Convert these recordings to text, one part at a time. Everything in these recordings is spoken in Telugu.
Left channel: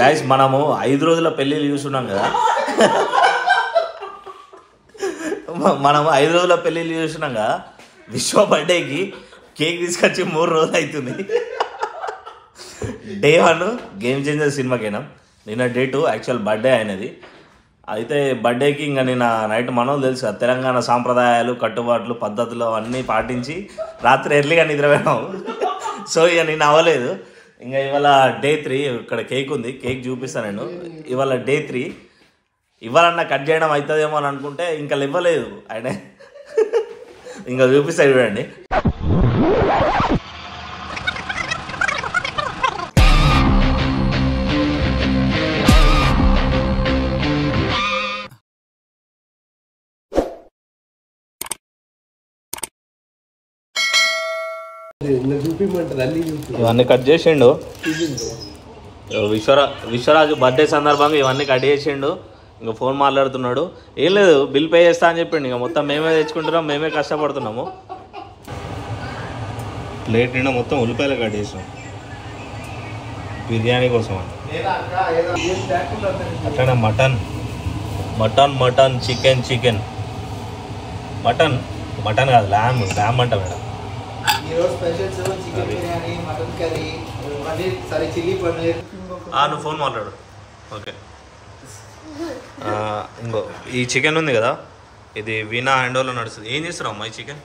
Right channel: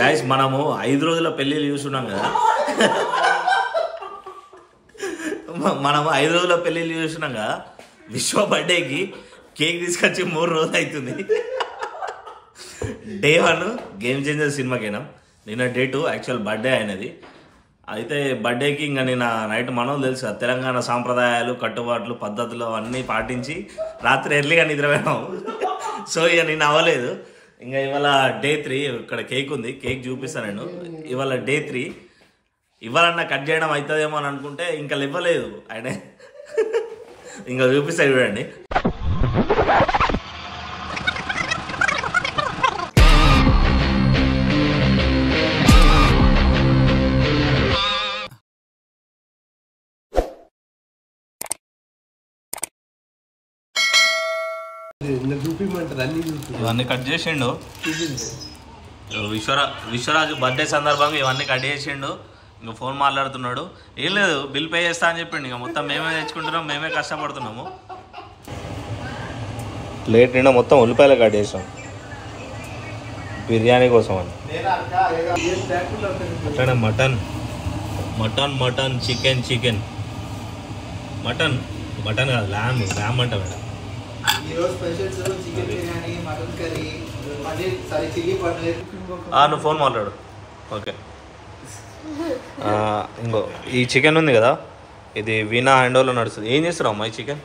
గాయస్ మనము 5 రోజుల పెళ్ళిళ్ళు చూస్తున్నాం కదా, మనము 5 రోజుల పెళ్ళిళ్ళు చూస్తున్నాం కదా. విశ్వ బర్త్డేకి కేక్ తీసుకొచ్చి 3 రోజులు అవుతుంది. డే 1 గేమ్ చేంజర్ సినిమాకైనా, నిన్న డే 2 యాక్చువల్ బర్త్డే అయినది. అయితే బర్త్డేకి ఇంకా నిన్న నైట్ మనం తెలుసు కదా, తెలంగాణ సాంప్రదాయాలు కట్టుబాట్లు పద్ధతులు అన్నీ పాటించి రాత్రి ఎర్లీగా నిద్రపోయాము. సో ఇక నేను అవ్వలేదు. ఇంకా ఇవాళ డే 3 ఇక్కడ కేక్ ఉంది, కేక్ చూపిస్తాను నేను. ఇవాళ డే 3 ఇవ్వాలన్నా కట్ చేయడం అవుతుందేమో అని అనుకుంటే ఇంకా ఇవ్వలేదు ఆయన. ఇంకా చూపిస్తా చూడండి. ఇవన్నీ కట్ చేసిండు విశ్వరాజు బర్త్డే సందర్భంగా, ఇవన్నీ కట్ చేసిండు. ఇంకా ఫోన్ మాట్లాడుతున్నాడు. ఏం లేదు, బిల్ పే చేస్తా అని చెప్పిండు. ఇంకా మొత్తం మేమే తెచ్చుకుంటున్నాం, మేమే కష్టపడుతున్నాము. ప్లేట్ నిండా మొత్తం ఉల్లిపాయలు కట్ చేసాం బిర్యానీ కోసం అని. అట్లనే mutton mutton mutton chicken chicken mutton mutton కాదు, ల్యామ్ ల్యామ్ అంట మేడం. నువ్వు ఫోన్ మాట్లాడు. ఓకే, ఇంకో ఈ చికెన్ ఉంది కదా, ఇది వీణా హ్యాండోలో నడుస్తుంది. ఏం చేస్తున్నావు అమ్మా ఈ చికెన్?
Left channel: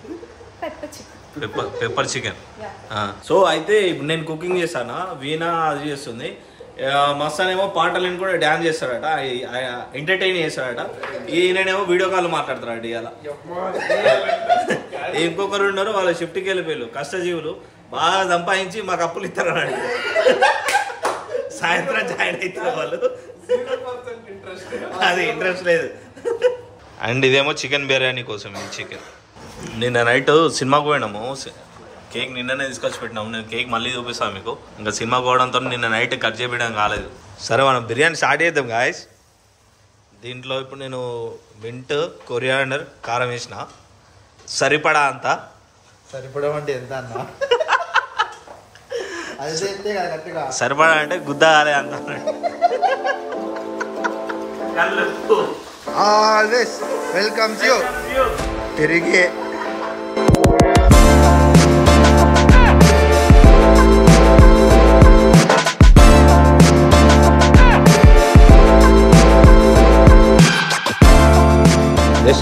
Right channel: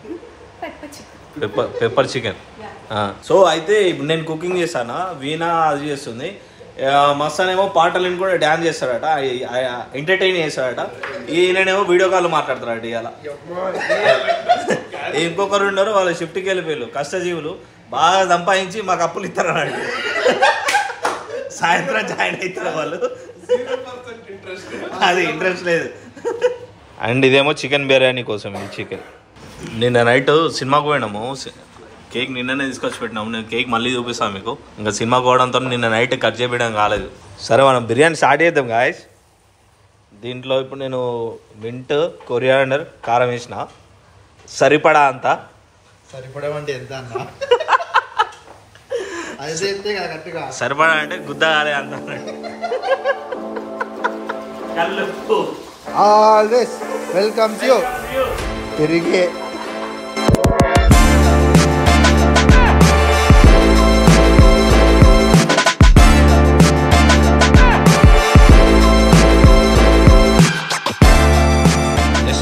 Pepper chicken. సో అయితే ఇప్పుడు నేను కుకింగ్ చేస్తానా, వీణా అది చేస్తుంది. మస్తానేమో పాటలు కూడా డ్యాన్స్ చేస్తాడట, ఎంటర్టైన్ చేస్తాడట. ఈయనేమో వీడియో కాల్ మాట్లాడతాడట. ఇవాళ ఇంకొకరు ఉన్నారు, వాళ్ళు షిఫ్ట్కి వెళ్ళిపోయారు. కష్టజీవులు బాగా సంపాదించి మాకు అప్పులు ఇస్తారు అన్నట్టు. సాయంత్రం జాయిన్ అవుతారు వాళ్ళు, అది ఇంట్రెస్ట్ లేదు. అండ్ ఇదేమో చికెన్ బిర్యానీ కోసం. ఈ చికెన్ నిన్న నైట్ సినిమాకు పోయినాము, కేక్ నిన్ననే తీసుకొచ్చి పెట్టినాము. నేను కేక్ మళ్ళీ చూపిస్తాను మీకు. ఇంకా సినిమాకు పోవడంతో నిన్న నైట్ కట్ చేయడం కాలేదు. సరే మనం బిర్యానీ స్టార్ట్ చేద్దాం గాయస్. దీంట్లో ఇప్పుడు నేను మింట్ కొరియాండర్ కారం వేసిన, సరిపడా అంతా. సరిపడమంటే ఎంత అన్న? సరిపడా అంటే గుద్దగారే అంత. ఆల్వేస్ వెల్కమ్ యూ తిరిగి.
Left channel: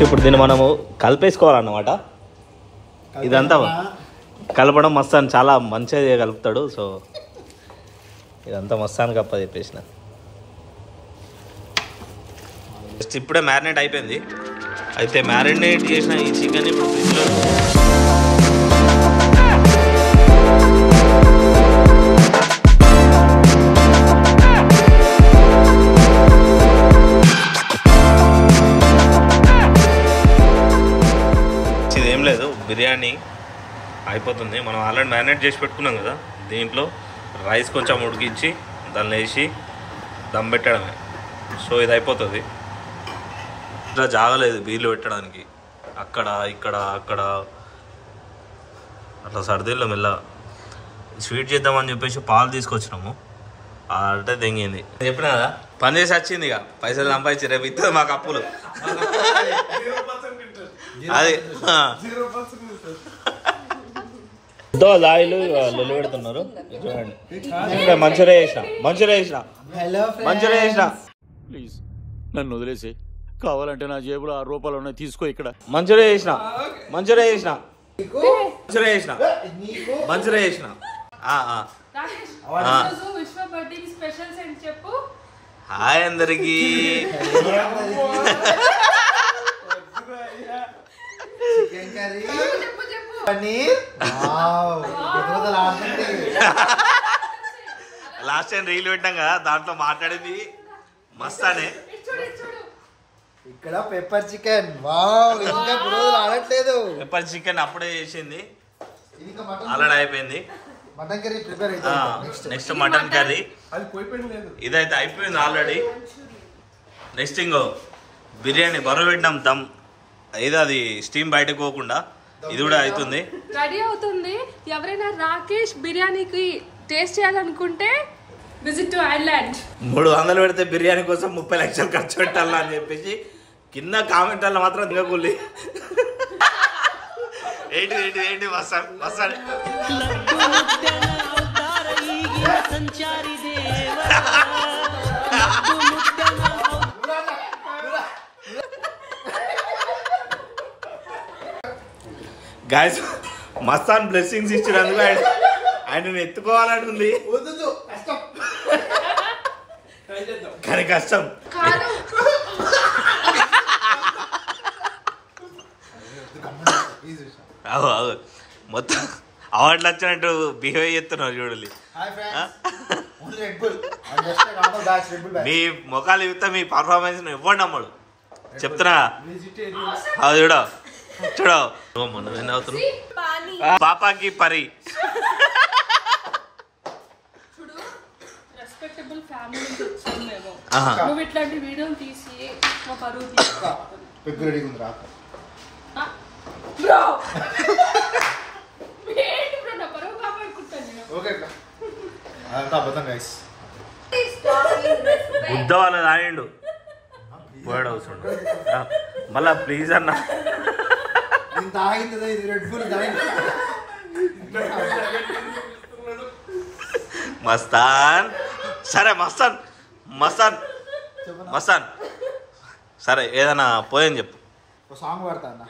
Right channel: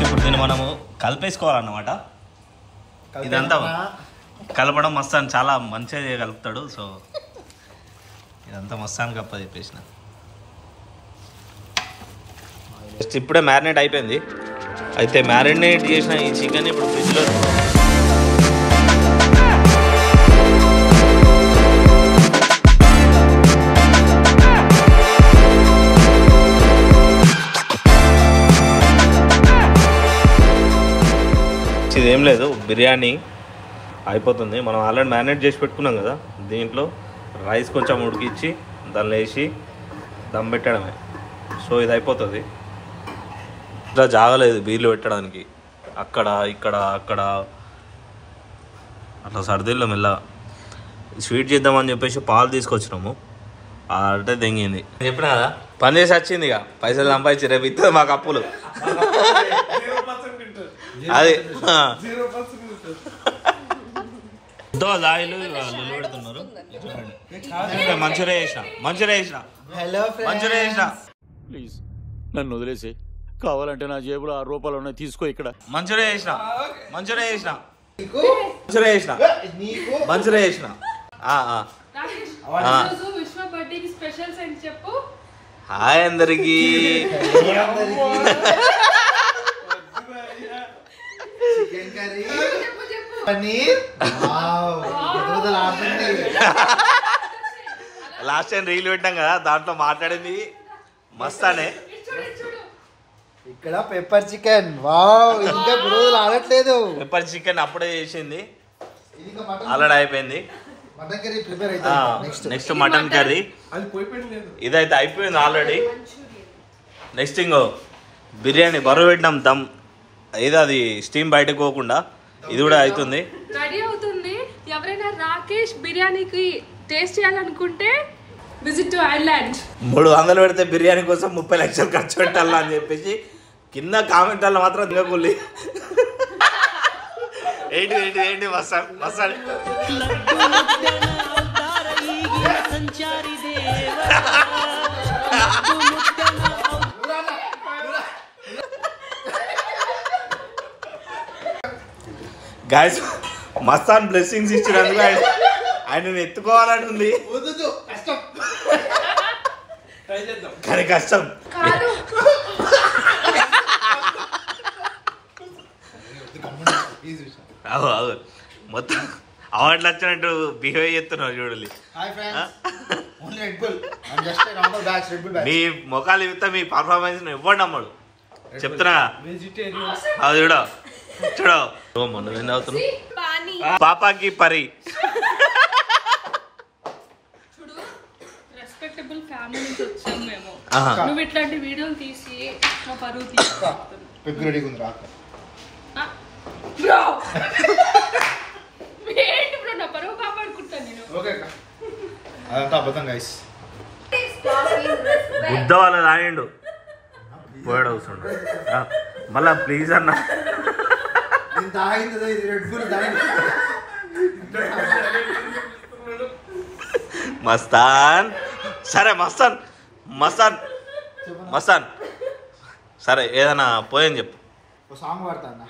ఇప్పుడు దీన్ని మనము కలిపేసుకోవాలన్నమాట. ఇదంతా కలపడం మస్తాన్ చాలా మంచిగా కలుపుతాడు. సో ఇదంతా మస్తాన్ గప్ప చెప్పేసిన. జస్ట్ ఇప్పుడే మ్యారినేట్ అయిపోయింది. అయితే మ్యారినేట్ చేసిన ఈ చికెన్ ఇప్పుడు ఫ్రిడ్జ్లో ఏం లేదు, బిర్యానీ అయిపోతుంది. మనం ఆల్రెడీ మ్యారినేట్ చేసి పెట్టుకున్నాం కదా, దీంట్లో రైస్ కొంచెం ఉడికించి దానిలో వేసి దమ్ పెట్టడమే. సో ఇది అయిపోతుంది. ఇట్లా జాగలేదు బీర్లు పెట్టడానికి, అక్కడ ఇక్కడ అక్కడ అట్లా సర్దీల్లో మెల్లగా స్వీట్ చేద్దామని చెప్పేసి పాలు తీసుకొచ్చినాము. అంటే దెంగింది చెప్పిన కదా, పని చేసి వచ్చింది. ఇక పైసలు సంపాదించి రేపు ఇస్తుంది మాకు అప్పులు. అది లాయిలు లొల్లు పెడుతున్నారు చూడండి. మంచిగా చేసిన ప్లీజ్ నన్ను వదిలేసి, కావాలంటే నా జేబులో 6 రూపాయలు ఉన్నాయి, తీసుకో. ఇక్కడ మంచిగా చేసిన హాయ్ అందరికి. లాస్ట్ టైం రీల్ పెట్టాం కదా, దాంట్లో మాట్లాడింది మస్తానే. ఇక్కడ పెప్పర్ చికెన్. పెప్పర్ చికెన్ అప్పుడే చేసింది, ఆల్రెడీ అయిపోయింది. నెక్స్ట్ మటన్ కర్రీ, ఇదైతే అయిపోయింది ఆల్రెడీ. నెక్స్ట్ ఇంకో బిర్యానీ బరువు పెట్టినాం దమ్, ఏదో అది స్టీమ్ బయటకు పోకుండా ఇది కూడా అవుతుంది, రెడీ అవుతుంది. ఎవరైనా రాకేష్ బిర్యానీకి టేస్ట్ చేయాలనుకుంటే Visit to Ireland. 300 పెడితే బిర్యానీ కోసం 30 లక్షలు ఖర్చు పెట్టాలా అని చెప్పేసి కింద కామెంట్లలో మాత్రం దిగకుల్లి. ఏంటి మసాన్ గాయస్ మస్తాన్ బ్లెస్సింగ్స్ ఇచ్చినందుకు ఆయన ఎత్తుకోవాలంటుంది కానీ కష్టం. మొత్తం అవార్డులు వచ్చినట్టు బిహేవ్ చేస్తున్నారు చూడాలి. మీ ముఖాలు ఇవ్వతా మీ పర్ఫార్మెన్స్ ఇవ్వండి అమ్మడు చెప్తున్నా. అది చూడ మొన్న ఏం అవుతున్నావు పాపాకి పరి. రెస్పెక్టబుల్ ఫ్యామిలీ నుంచి వచ్చాం మేము. నువ్వు ఇట్లాంటి వీడియోలు తీసి మా పరువు తీసుకుంటున్నావు బ్రో. ఏంటి బ్రో నా పరువు కాపాడుకుంటాను నేను. అదంతా అబద్ధం గైస్. బుద్ధ వాళ్ళ రాయండు పోయాడు అవసరం మళ్ళా ప్లీజ్ అన్న. మస్తాన్ సరే మస్తాన్ సరే ఏదైనా పోయని చెప్పు. సాంగ్ పాడతా అన్న.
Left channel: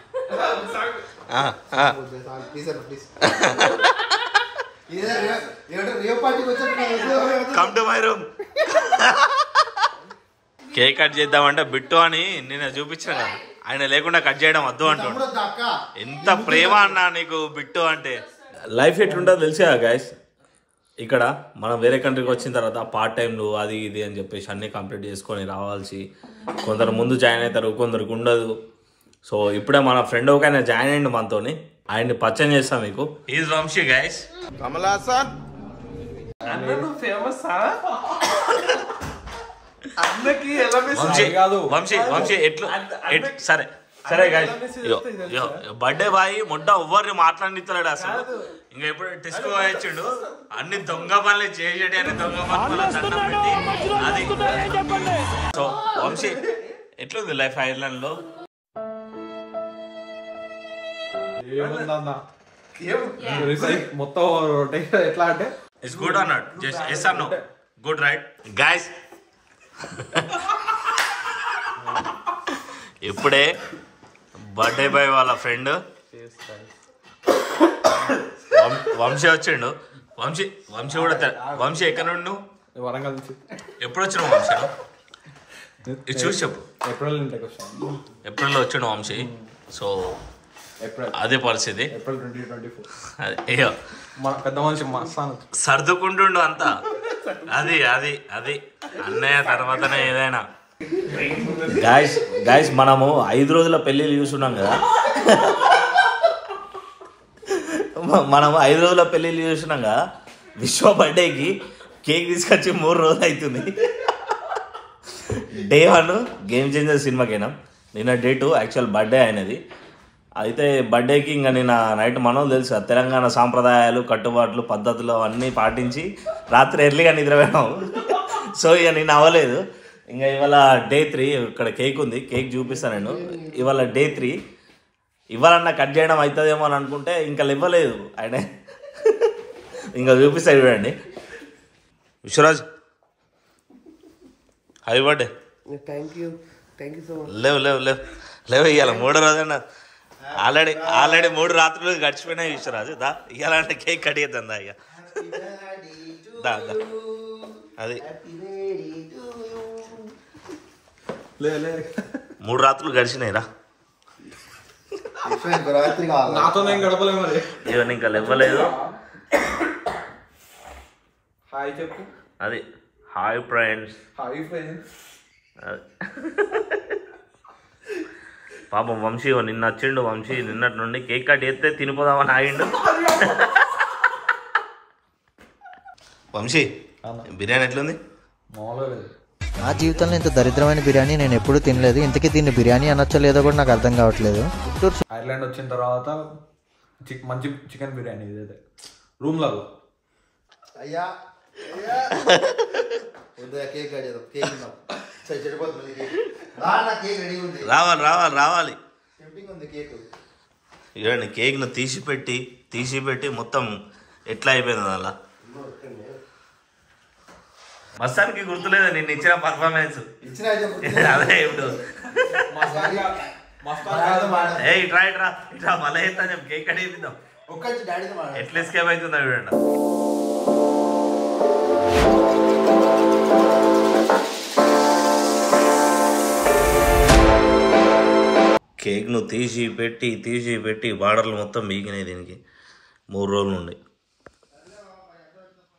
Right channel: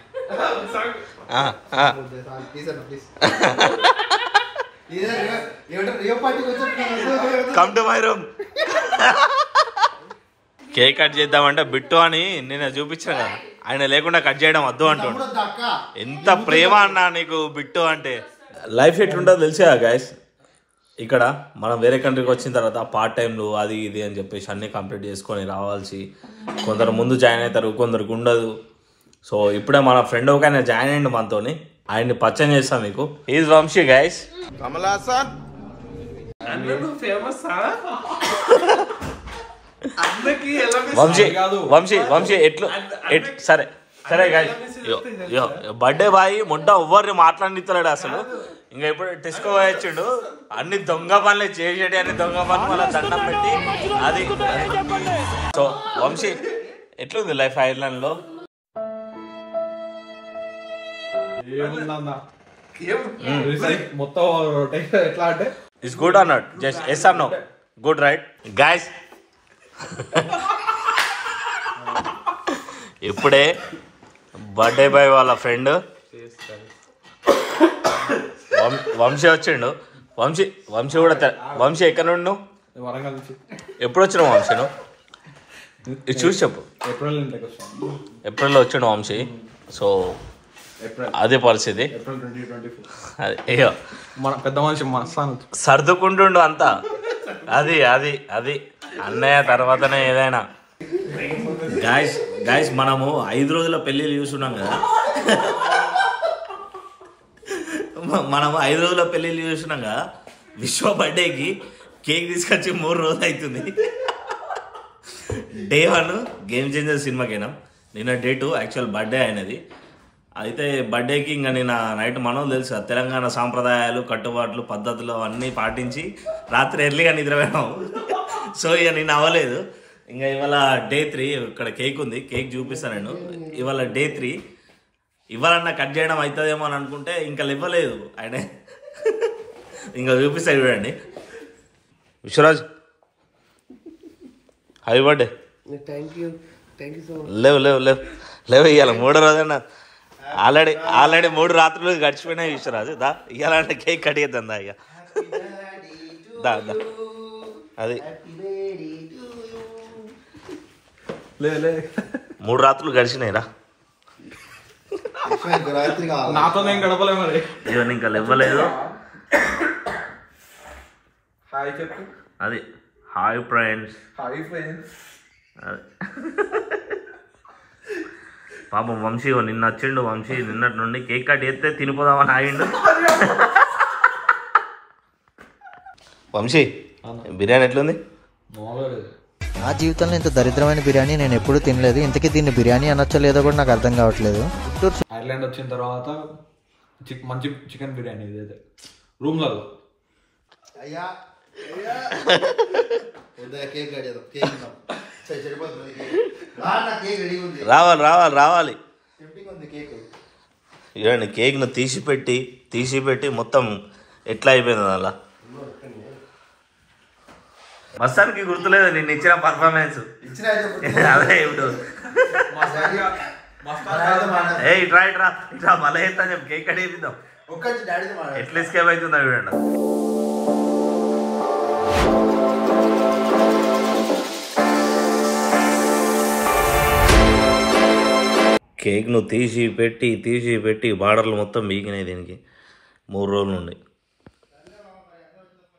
Come to my room. Cake cut చేద్దామంటే బిట్టు అని నేను చూపించిన కదా, ఆయన లేకుండా కట్ చేయడం వద్దు అంటుండు. ఎంత ప్రేమ అన్నా నీకు బిట్టు అంటే. లైఫ్ ఎట్లుంటుందో తెలిసా గైస్. ఇక్కడ మనం వేరే కంట్రీకి వచ్చిన తర్వాత పార్ట్ టైంలు అది ఇది అని చెప్పేసి అన్నీ కంప్లీట్ చేసుకొని రావాల్సి, కొందరు ముందు జాయిన్ అవుతారు, కొందరికి ఉండదు. సో ఇప్పుడే మన ఫ్రెండ్ ఒక ఆయన జాయిన్ అయ్యిండు మనతోని, ఆయన్ని పరిచయం చేస్తాం మీకు. Is Vamshi guys. కమలాసన్ వంశీ ఎట్లు సరే గైస్. బర్త్డే బాయ్ మొట్ట ఎవ్వరిని మాట్లాడిస్తలేడు అసలు. ఇంకా ఇప్పుడు టెస్కో వచ్చిండు, అన్ని దొంగ పనులు చేసేటి, అన్ని దొంగ పనులు దండం పెట్టి అది. సో వంశీ ఎట్లుంది లైఫ్ ఐర్లాండ్ లో? మొత్తం ఎట్లా అంటే it's good or not? Just yes or no? Good right guys. ఇప్పుడే బర్త్డే బాయ్ వాళ్ళ ఫ్రెండ్ వంశీ వచ్చిండు. వంశీ కూడా వంశీ ఎక్కడ నుండి నువ్వు? వరంగల్ నుంచి. ఎప్పుడు వచ్చినావు వంశీ నువ్వు? ఇది చూసి చెప్పు. ఏప్రిల్లో వచ్చిండు వంశీ. సో అదే పరిస్థితి. అయ్యో పెద్ద మనిషి సర్దుకుంటుండు అంతా. అది అన్నయ్య తర్వాతనే ఏదైనా. గాయస్ మనము 5 రోజుల పెళ్ళిళ్ళు చూస్తున్నాం కదా. మనము 5 రోజుల పెళ్ళిళ్ళు చూస్తున్నాం కదా. విశ్వ బర్త్డేకి కేక్ తీసుకొచ్చి 3 రోజులు అవుతుంది. డే 1 గేమ్ చేంజర్ సినిమాకి అయినాం. నిన్న డే 2 యాక్చువల్ బర్త్డే అయినది. అయితే బర్త్డేకి ఇంకా నిన్న నైట్ మనం తెలుసు తెలంగాణ సాంప్రదాయాలు, కట్టుబాట్లు, పద్ధతులు అన్నీ పాటించి రాత్రి ఎర్లీగా నిద్రపోయాము. సో ఇక నిన్న అవ్వలేదు. ఇంకా ఇవాళ డే 3. ఇక్కడ కేక్ ఉంది, కేక్ చూపిస్తాను నేను. ఇవాళ డే 3. ఇవ్వాలన్నా కట్ చేయడం అవుతుందేమో అని అనుకుంటే ఇంకా ఇవ్వలేదు ఆయన. ఇంకా చూపిస్తాను చూడండి. Vishvaraj happy birthday. లేవు ఇవాళ 3వ రోజైనా. ఆల్రెడీ 3 రాత్రులు గడిచిపోయినాయి విశ్వరాజు. దా ఇవ్వాలంటే కేక్ కట్ చేద్దాం. దా ఇక దా అది 3 రాత్రులు గడిచినాయి రా. నాతో నేను గడపలే మరి. ఇవన్నీ ఇంకా ఇవ్వలేదు. హాయ్ చెప్పు. అది హాయ్ ఫ్రెండ్స్. పాపం వంశీ నిన్న వచ్చిండు. వంశీ నిన్నటి నుండి కేక్ కట్ చేస్తే తినిపోదామని ఆగిండు. వంశీ బిర్యానీ ఎట్లుంది? నా జీవితంలో ఇంత దరిద్రమైన బిర్యానీ నేను ఎప్పుడూ తినలేదు. ఇంతకీ దీన్ని బిర్యానీ అనొచ్చో లేదో కూడా నాకు అర్థం కావట్లేదు. ఐర్లాండ్ వచ్చిన తర్వాత మంచి చికెన్ బిర్యానీ ఇదైతే రూమ్లలో. రావాలి ఇవ్వండి. కేక్ను తీసి పెట్టి మొత్తం ఎట్లా అయిపోయింది అలా. మస్తానికి గుర్తులేదు నిన్ను ఇచ్చిన పర్ఫార్మెన్స్. అదే ఇప్పుడు ఇట్రా మళ్ళీ ఎత్తా చెప్పు. కేక్ కట్ చేపిద్దాం. ఎట్లా ఎస్కేప్ అవుతుందా చూడండి. కేక్ను తీసి పెట్టి బార్డర్లు మొత్తం బీగినాయి. దీనికి 3 రోజుల నుండి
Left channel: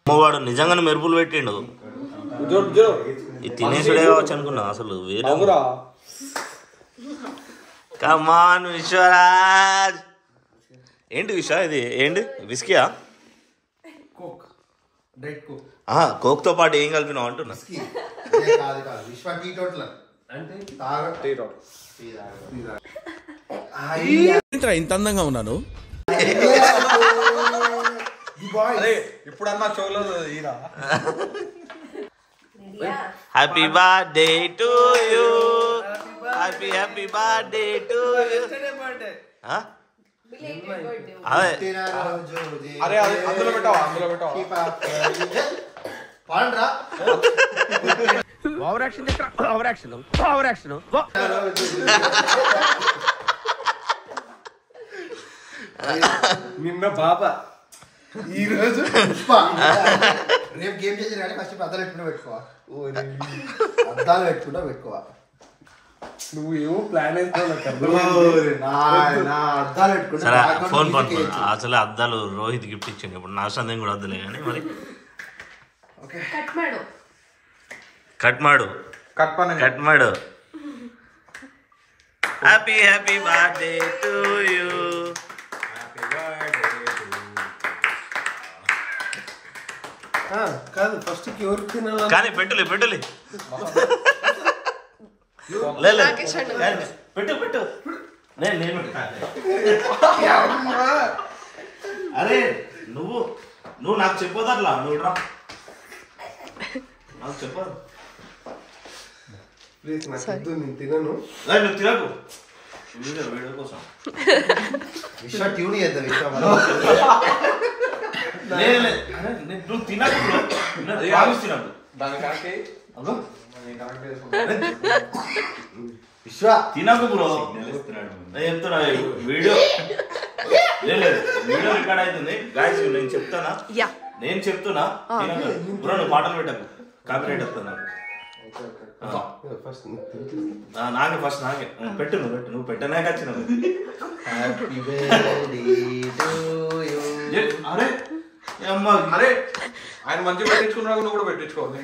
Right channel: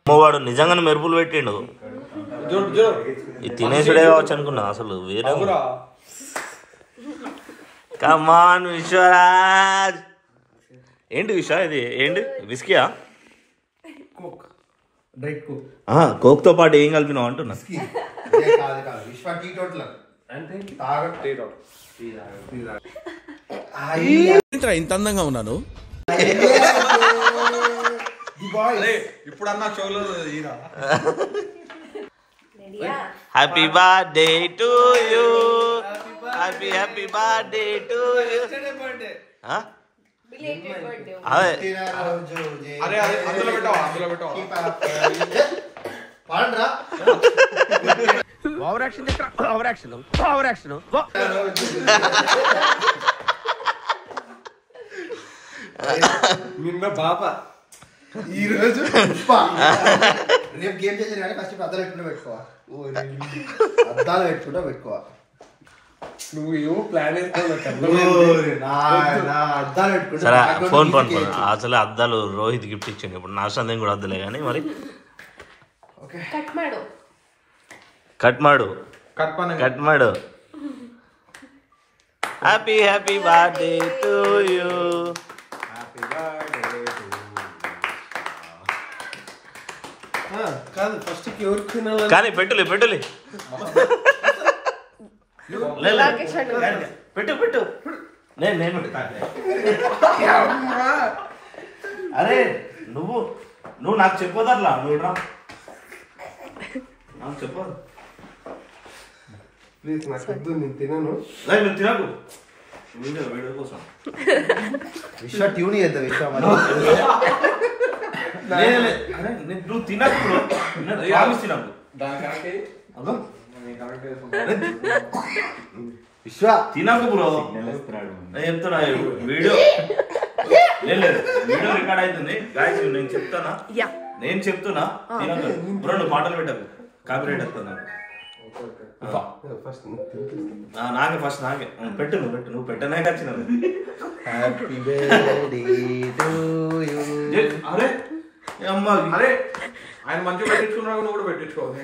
అమ్మవాడు నిజంగానే మెరుపులు పెట్టిండు. ఇది తినేసుడే కావచ్చు అనుకున్నా. అసలు వేరే కమాన్ విశ్వరాజ్. ఏంటి విశ్వ ఇది? ఏంటి విస్కీయా? కోక్ తో పాటు ఏం కలిపినావు అంటున్నా. ఇంత అందంగా ఉన్నాను. ఇప్పుడన్నా చోలో happy birthday to you. Happy birthday to you. అరే అందులో పెట్టావా? నిన్న బాబా ఈ రోజు రేపు గేమ్ చేసి కానీ ఫస్ట్ అద్దాలు పెట్టుకుంటూ పెట్టుకోవా. నువ్వు ఏమో ప్లాన్ సరే ఫోన్ అసలు అద్దాలు రోహిత్ గిఫ్ట్ ఇచ్చిండు. ఇప్పుడు నా సందేహం కూడా అద్దలే కానీ మరి కట్ మాడు. Happy birthday to you. కాదు ఫస్ట్ కానీ పెట్టులే పెట్టు నేను అరే నువ్వు నాకు చెప్పొద్దు అట్లా. నువ్వు రా నాకు చెప్పదు. ప్లీజ్ నాకు నేను తినను. నువ్వు తినకు. వీడియో కోసం విశ్వ ట్యూన్ చేద్దాం. నువ్వు తినకు తినకు. విశ్వ తినకు బ్రో. చెప్తున్నా వీడియో రికార్డ్ అవుతుంది. నేను చెప్తున్నా తినకు బ్రో. నువ్వు పాటలు పెట్టకు. కాపీరైట్ వస్తుంది నాకు. నాకే ఫస్ట్ పెట్టు. నువ్వు పెట్టనే వచ్చినావు. అరే ఆయన మంచిగా పెట్టించుకున్నా కూడా పెట్టించుకోవాలి.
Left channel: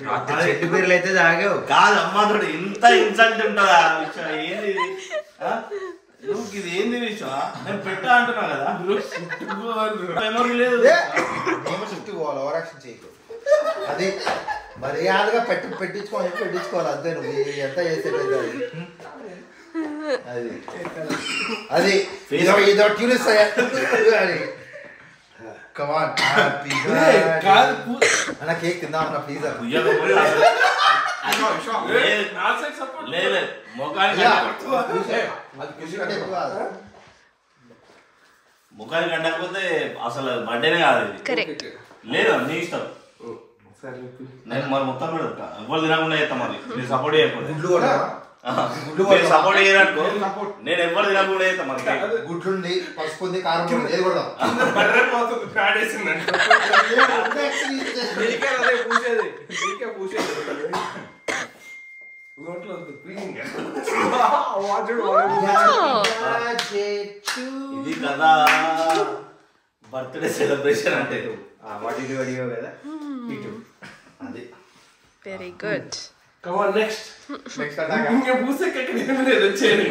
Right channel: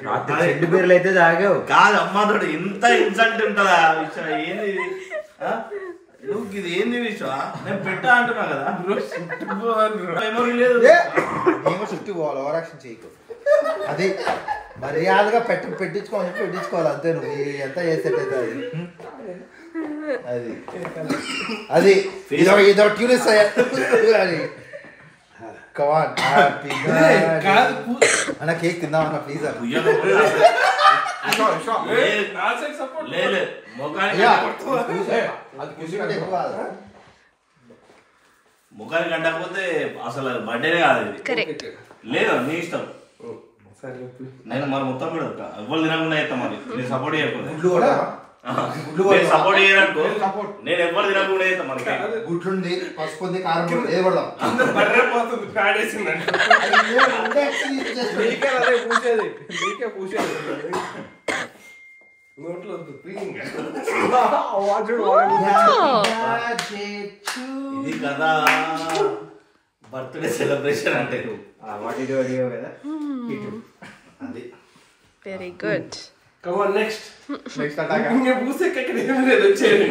పేర్లు అయితే తాగావు కాదు అమ్మాతోడు ఇంత ఇన్సల్ట్ ఉంటుందా విషయం? ఏంది నువ్వు ఇది ఏంది విషయం? నేను పెట్టా అంటున్నా కదా. మెమరీ లేదు. చుట్టుకోవాలి ఓవరాక్షన్ చేయకు. అదే మర్యాదగా పెట్టించుకోవాలి అంతే. నువ్వు ఎంత చేసేటైతే అది ఇదో ట్యూన్ ఇస్తాయా? కేక్ తిందా ప్లీజ్. ముఖానికి అంటకపోతే అసలు బర్త్డేనే కాదు ఇది. లేదు నీ ఇష్టం. నేను మరి మొత్తం కూడా ఎవరు తినకుండా చేస్తా. మరి నేను సపోర్ట్ చేయకూడదు. సపోర్ట్ చేయదనుకో నేను ఎవరు తినకుండా చేస్తా. మరి గుడ్లుంది, పసుపు ఉంది, కారం ఉంది, ఏది కొడదాం. ఇది కదా బర్త్డే సెలబ్రేషన్ అంటే. అది వెరీ గుడ్. నెక్స్ట్ వచ్చేది.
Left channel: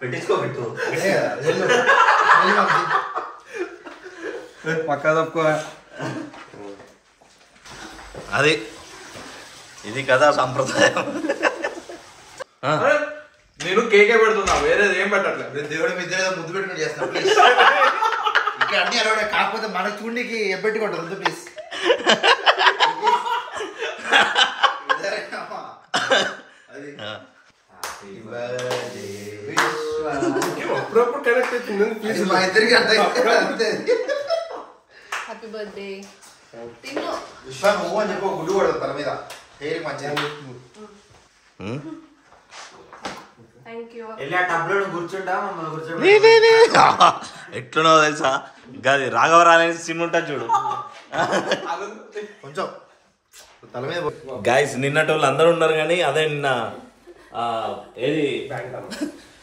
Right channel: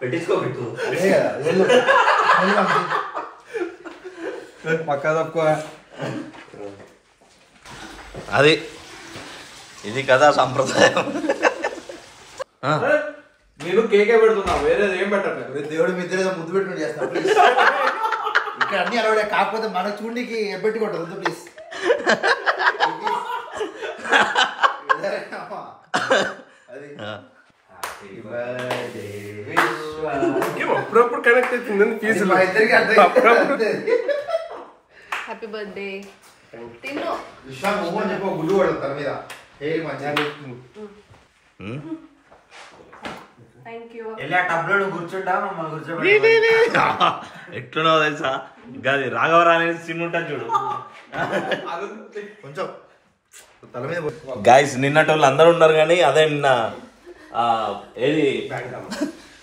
పెట్టించుకోబెట్టు. పక్క తక్కువ. అది ఇది కదా సంప్రదాయం. నేను కేకే పెడుతున్నా, వేరేది ఏం పెట్టట్లేదు. దేవుడి మీద ముద్దు పెట్టుకుని చేస్తాను. ఇక్కడ అన్ని అరవై కాకపోతే మనకు చూడడానికి ఎబ్బెట్టుకుంటారు ప్లీజ్. అప్పుడప్పుడు కనెక్ట్ అవుతుంది మా ఇద్దరికి అర్థం. హ్యాపీ బర్త్డే తిన్ను. విశ్వ నువ్వు అని చెప్పి గుడ్డు పడతారు తన మీద హెయిర్ మంచిగా. Thank you. ఎట్లున్నో తెలుసా గది రాఘవరావు అనే సినిమా ఉంటుంది చూడు. కొంచెం తల మీద గాయస్ నిన్నటి వాళ్ళు అందరూ ఉన్నారు కానీ అదే నిన్న ఏది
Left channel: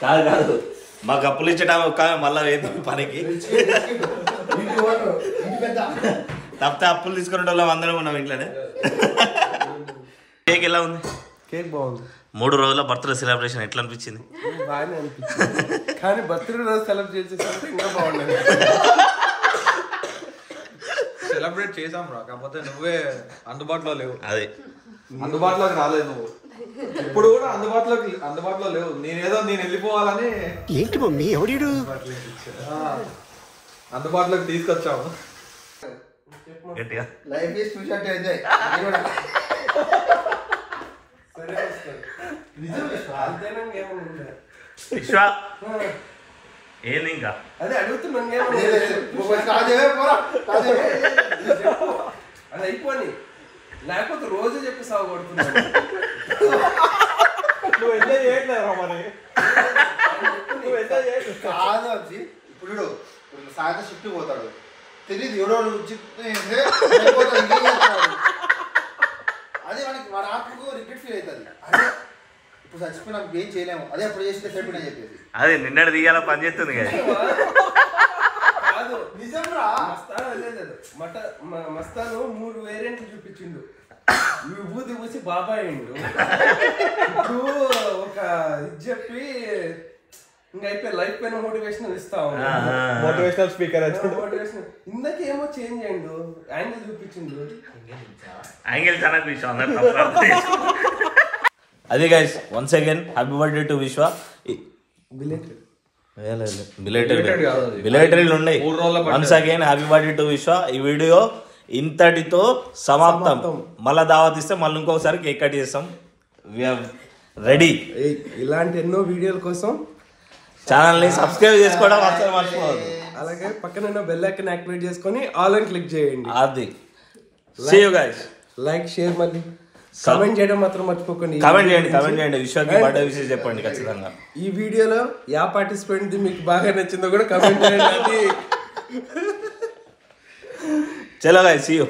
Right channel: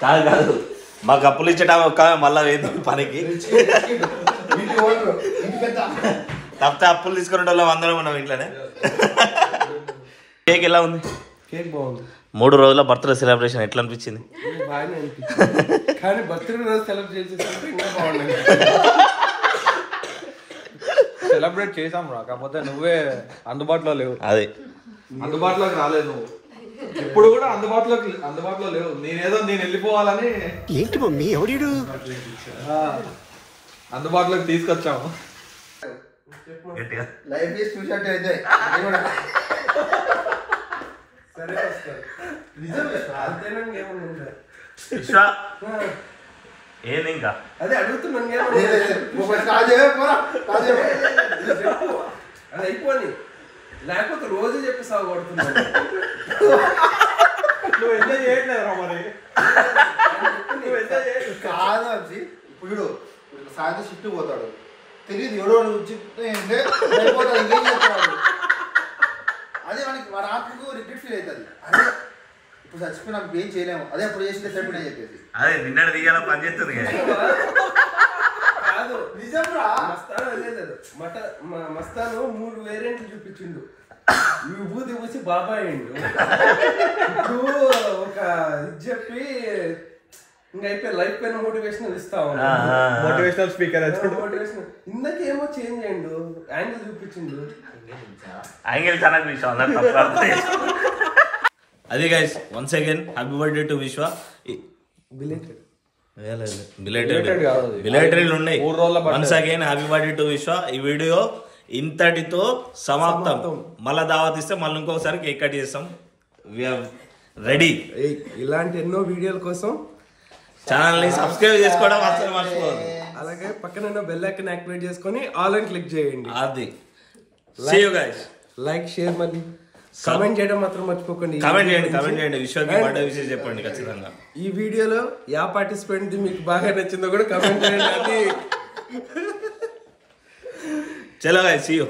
కాదు మాకు అప్పులు ఇచ్చేటా ఒక్క మళ్ళా ఏంది పనికి తప్పితే అప్పులు తీసుకునే వాళ్ళం అందరం ఉన్నాం ఇంట్లోనే. కేక్ ఎలా ఉంది? కేక్ బాగుంది. 3 రోజుల బర్త్డే సెలబ్రేషన్ ఎట్లా అనిపించింది? బాగానే అనిపించింది కానీ బర్త్డే రోజు సెలబ్రేట్ చేసేసరికి ఇంకా బాగుండదు. సెలబ్రేట్ చేసాం రా, కాకపోతే నువ్వే అందుబాటులో లేవు. అదే అందుబాటులోకి రాలేదు నువ్వు. ఇప్పుడు కూడా అందుబాటులో లేవు. నేను వెళ్ళిపోవాలని ఏంటి మమ్మీ ఎవడు అందుబాటులోకి తీసుకొచ్చాము. గట్టిగా లైఫ్ చేసి చూసినట్టు ఎంజాయ్. సరే వస్తారు అంతేనండి. ఏమన్నా విశ్వ ఏంది ఇంకా అదే అడుగుతున్నాను. అది అయిపోయి లేకపోతే రోజు చెప్పి సాగు కొడుతున్నాను. నువ్వు ఎంజాయ్ చేయట్లేదురా మరి. నువ్వు ఎంజాయ్ చేయట్లేదు కాదు వచ్చి ఇప్పుడు సాయంత్రం షిఫ్ట్ పోతాడు తెలియదు ఎవడో అయిపోతాడు ఇంకేం చేస్తాడు. అదే మనకి వాడి ఆత్మకు రిగ్రెట్ ఫీల్ అవుతుంది. అదే ఇప్పుడు చచ్చిపోయినా ఏం చేయలేము, అదే అప్పుడు చేస్తే సరిపోయినా చెప్పేసి అదే నిన్నటి దిగాల పని చేస్తుంది కదా. కాదు నిజం రా. మస్తాను లేదు మస్తాను 3 వేరియంట్లు చూపించిండు. విభూతి పూసి బాబాయ్ అయ్యిండు. ఇప్పుడు ఒక ఇది చెప్పి ఇంకా అయిపోయి లైఫ్ పైన మోటివేషనల్ ఇస్తా ఉన్నా. మోటివేషనల్ స్పీకర్ మోటివేషనల్ ఇందాకేమో చేంజ్ అయ్యిండు, యాంగిల్ చూపించిండు. అదే guys once again happy birthday to విశ్వ. బిలేటెడ్ ఉన్నాయి. Once again happy birthday to విశ్వ. ఈ వీడియో ఇంతటితో సమాప్తం. మళ్ళా దావత్ ఇస్తే మళ్ళీ ఇంకొకసారి కేక్ కట్ చేస్తాం. రెడీ. ఇలాంటి ఎన్నో వీడియోల కోసం ఛానల్ ని సబ్స్క్రైబ్ చేసుకోవడం అసలు మర్చిపోవద్దు. అలాగే పక్కన బెల్ ఐకాన్ యాక్టివేట్ చేసుకొని ఆల్ అని క్లిక్ చేయండి. అది see you guys. Like share మళ్ళీ కామెంట్ చేయడం మాత్రం మర్చిపోకండి. కామెంట్ చేయండి విశ్వకి బర్త్డే విషయం చెప్పండి ఖచ్చితంగా. ఈ వీడియోలో యా పార్టిసిపెంట్ మీకు బాగా నచ్చిందో కూడా కామెంట్ చేయండి. అది చలో guys, see you.